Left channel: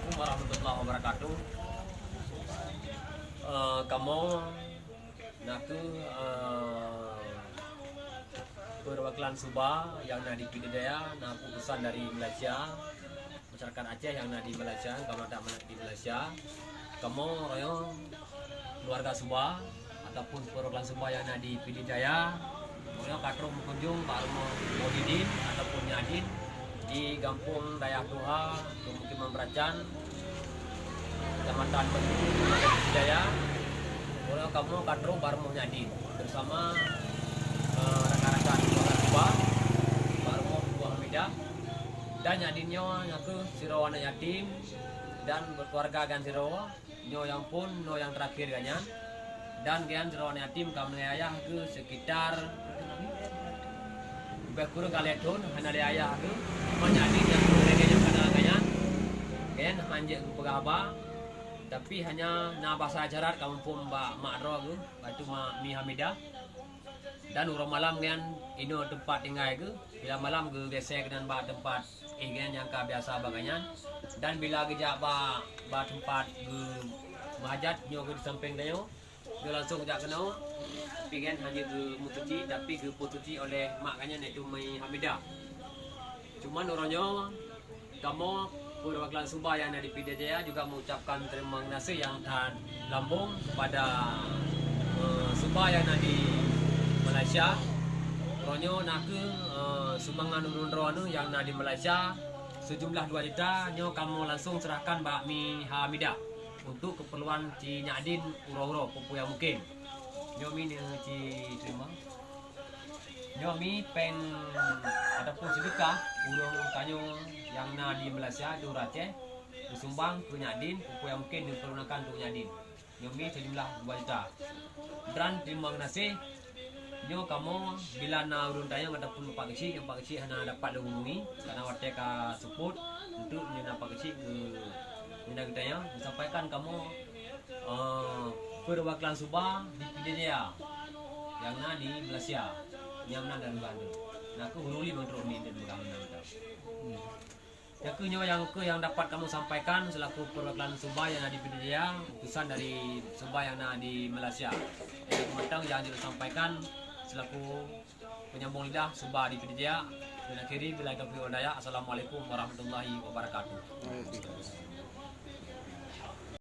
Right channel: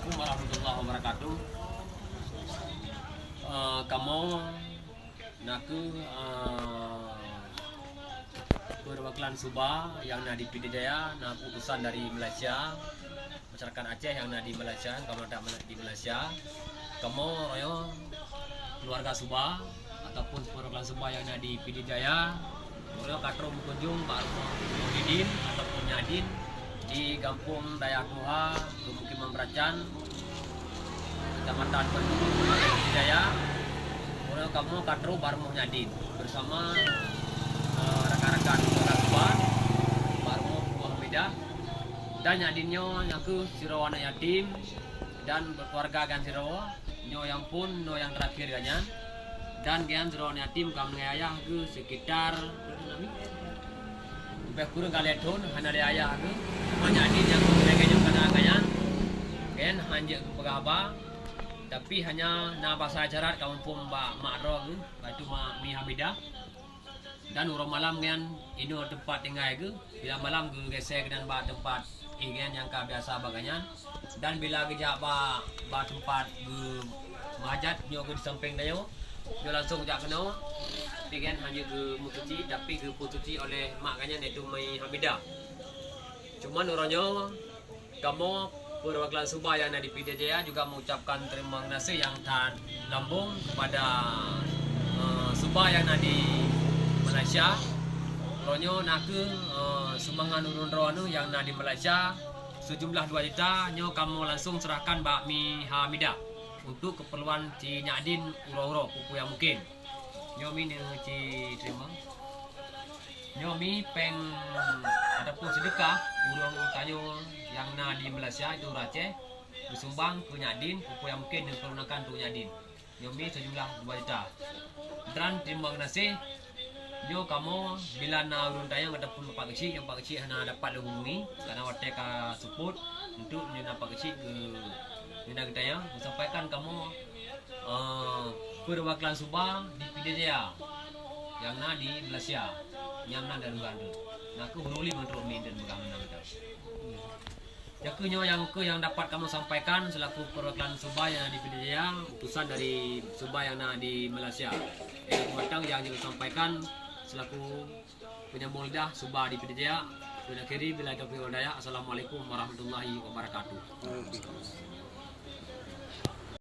Assalamualaikum warahmatullahi wabarakatuh. Kamu naku perwakilan Subah yang di Pidijaya, nah utusan dari Malaysia, masyarakat Aceh yang di Malaysia, kamu ada di Malaysia. Kamu royo keluarga Subah ataupun perwakilan Subah yang di Pidijaya, royo katro mengunjung Pak Muhyiddin ataupun Nyadin di Kampung Dayak Duha, Pemukiman Beracan, Kecamatan Bendulu, Pidijaya. Royo kamu katro bareng Nyadin bersama rekan-rekan keluarga Subah, baru buah Medan dan Nyadinnya nyaku siro anak yatim dan berkeluarga gan siro nyo yang pun no yang terakhir ganyan dan gian siro anak yatim kamu ayah ke sekitar lebih kurang kali tahun hanya ada ayah ke Nyadin yang mereka sana ganyan kan hanya ke pegaba tapi hanya na bahasa ajarat kamu pun mbak makro ke batu mi Hamidah. Dan urang malam kan ino tempat tinggal ke bila malam ke gesek dan ba tempat ingin yang biasa baganyan dan bila gejak ba tempat ke mahajat nyo ke di samping dayo dia langsung jak kena pikan hanya ke mututi tapi ke pututi oleh mak kanyan iaitu Mai Hamidah. Cuman orangnya kamu perwakilan Subah yang ada di Pidijaya juga mengucapkan terima kasih yang tak lambung kepada Subah yang ada di Malaysia. Ronyo nak sumbangan urun roanu yang nak di Malaysia sejumlah 2 juta nyo kamu langsung serahkan Mbak Mi Hamidah untuk keperluan Ci Nyadin uro-uro pupu yang mungkin. Nyo mi Ci terima. Nyo mi peng ataupun sedekah urang tanyo yang nak di Malaysia itu Aceh sumbang ke Nyadin pupu yang mungkin dipergunakan untuk Nyadin. Nyo mi sejumlah 2 juta. Dan terima kasih. Nyo kamu bila na urun tanya ataupun pak kecil hanya dapat dihubungi karena watek support untuk nyo pak kecil ke nyo kita ya sampaikan kamu perwakilan Subah di Pidijaya yang na di Malaysia nyamna dan Uganda. Nah aku huruli untuk min dan bagaimana betul. Yang dapat kamu sampaikan selaku perwakilan Subah yang ada di Pidijaya, utusan dari Subah yang ada di Malaysia. Yang matang yang disampaikan selaku penyambung lidah Subah di Pidijaya. Bila kiri bila taufiq wal hidayah. Assalamualaikum warahmatullahi wabarakatuh.